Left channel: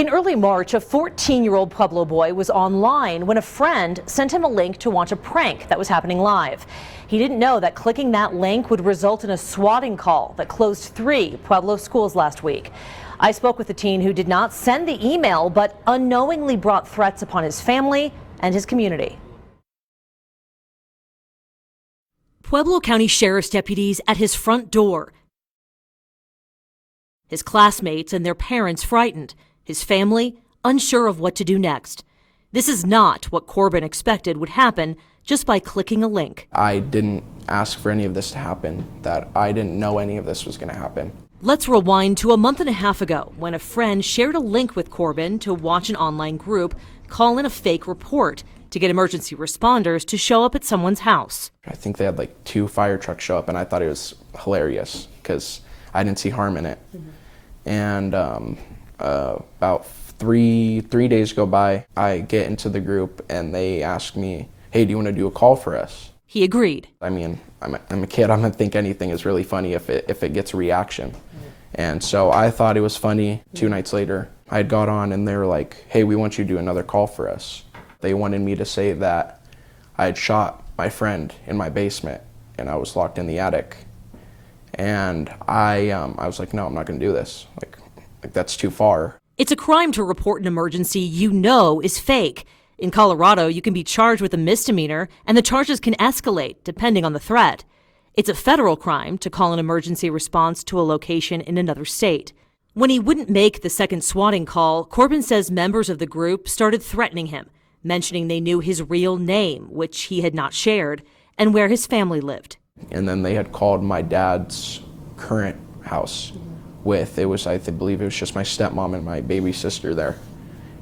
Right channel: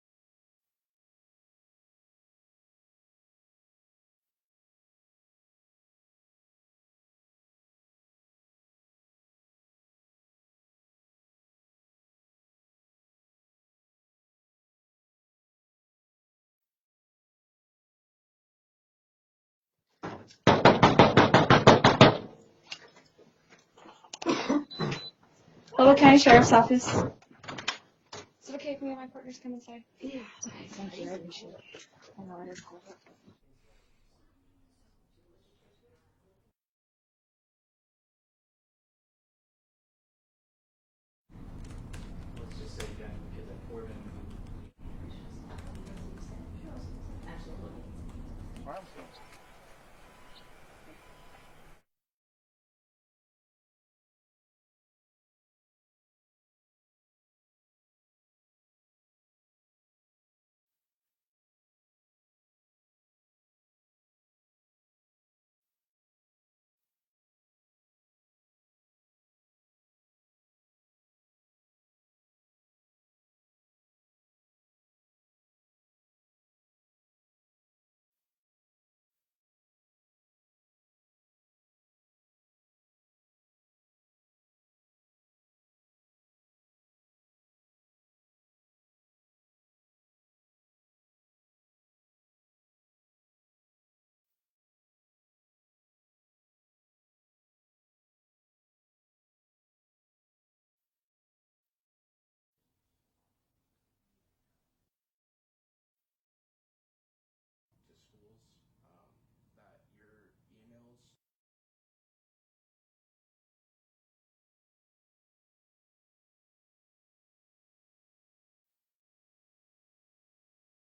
In early March, a 14-year-old Pueblo boy was online when a friend sent him a link to watch a prank that was happening live. He didn't know that clicking that link would result in a swatting call that closed 3 Pueblo schools last week. I spoke with the teen who did not send the email, but unknowingly brought threats upon his family and his community. Pueblo County Sheriff's deputies at his front door. Pueblo County Sheriff's Office. His classmates and their parents frightened. His family unsure of what to do next. This is not what Corbin expected would happen just by clicking a link. I didn't ask for any of this to happen, that I didn't know any of this was going to happen. Let's rewind to a month and a half ago when a friend shared a link with Corbin to watch an online group call in a fake report to get emergency responders to show up at someone's house. I think they had like 2 fire trucks show up, and I thought it was hilarious because I didn't see harm in it. And about three days go by, I get into the group and they ask me, hey, do you want to do a call for us? He agreed. I mean, I'm a kid. I'm going to think anything is really funny if it gets a reaction. And so I thought it was funny. 2 nights later, I had got on and they were like, hey, we want you to do another call for us. They wanted me to say that I had shot my friend in my basement and I was locked in the attic. And I was like, no, I'm not going to do this. Like that's too far. It's a crime to report an emergency you know is fake. In Colorado, you can be charged with a misdemeanor, and the charges can escalate depending on the threat. It's a federal crime to call an emergency response to a location in another state. When he wouldn't make the second swatting call, Corbin says members of the group started threatening him, mentioning they knew his real name, which he had not shared, and where his family lived. And then they had called my dad's current house with, I believe it was just my stepmom and my baby sister there.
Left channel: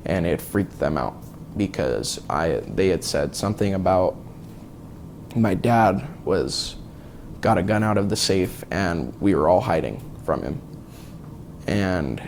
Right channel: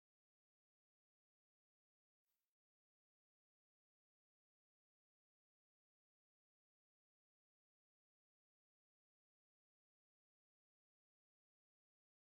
And it freaked them out because they had said something about my dad got a gun out of the safe and we were all hiding from him. And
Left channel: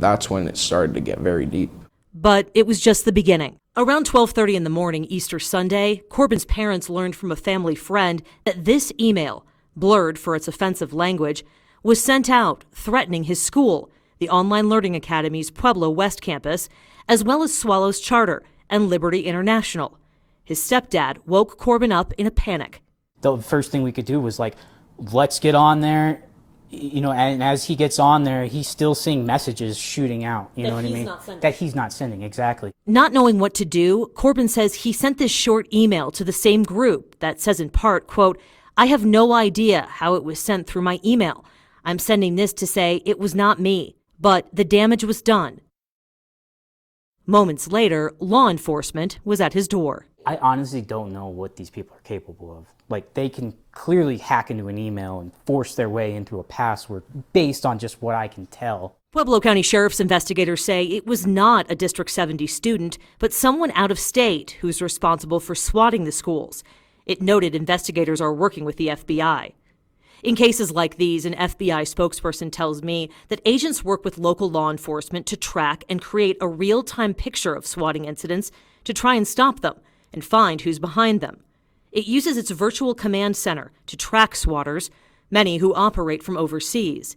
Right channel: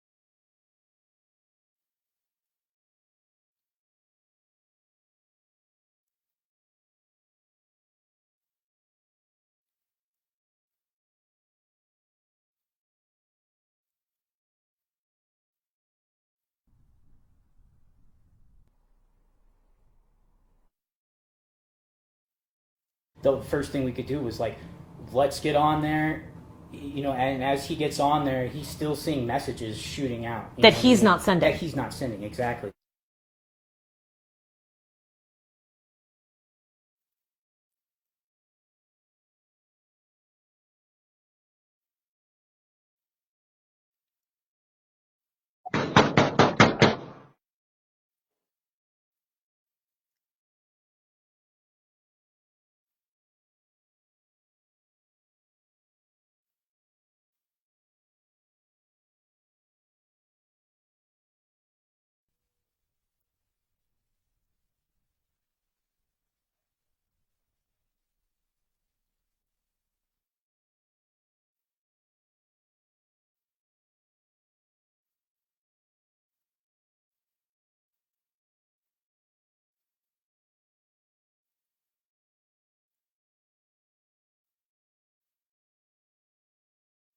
that's when it started to get very deep. But it was just the beginning. Around 12:30 in the morning Easter Sunday, Corbin's parents learned from a family friend that this email, blurred for its offensive language, was sent out threatening his school, the Online Learning Academy's Pueblo West campus, as well as Swallows Charter and Liberty International. His stepdad woke Corbin up in a panic. The first thing we could do was let's get on there. And as he gets on there, he's still seeing messages shooting out. That he's not sending. That he's not sending, exactly. Not knowing what to do, Corbin says he sent this short email to the same group that says in part, quote, I have no idea how it was sent through my email. I'm sending this to say it was not me, but the damage was done. Moments later, law enforcement was at his door. I honestly don't know what these people are capable of. They can clearly hack into an email and force their way into a password based on just what I can tell. Pueblo County Sheriff's investigators say it was not a District 70 student, but someone out of state who's responsible for swatting the schools. It noted investigators are working with the FBI. In cases like these, an FBI spokesperson tells me that agents work with local law enforcement to track and create a real-time picture of swatting incidents to try and stop them and find who's behind them. It uses its virtual command center to track swatters, many who operate from overseas.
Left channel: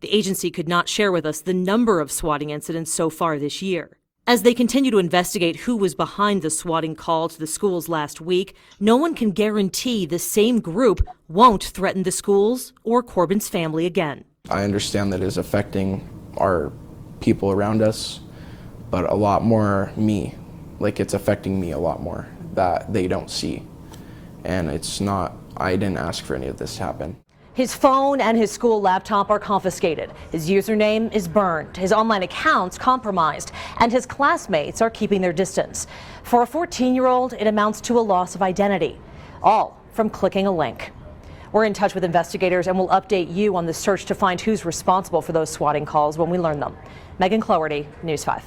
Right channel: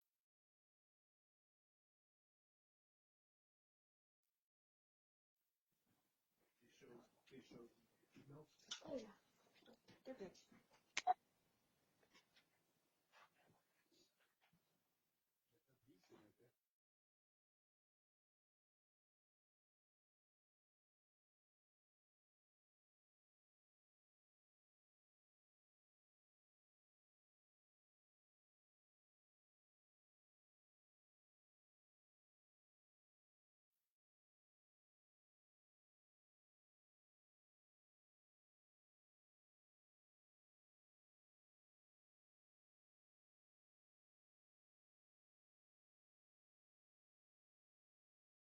The agency could not share with us the number of swatting incidents so far this year. As they continue to investigate who was behind the swatting call to the schools last week, no one can guarantee the same group won't threaten the schools or Corbin's family again. I understand that it is affecting our people around us, but a lot more me. It's affecting me a lot more that they don't see. And I didn't ask for any of this to happen. His phone and his school laptop are confiscated. His username is burned, his online accounts compromised, and his classmates are keeping their distance. For a 14-year-old, it amounts to a loss of identity, all from clicking a link. We're in touch with investigators and we'll update you on the search to find who's responsible for those swatting calls when we learn them. Megan Cloherty, News 5.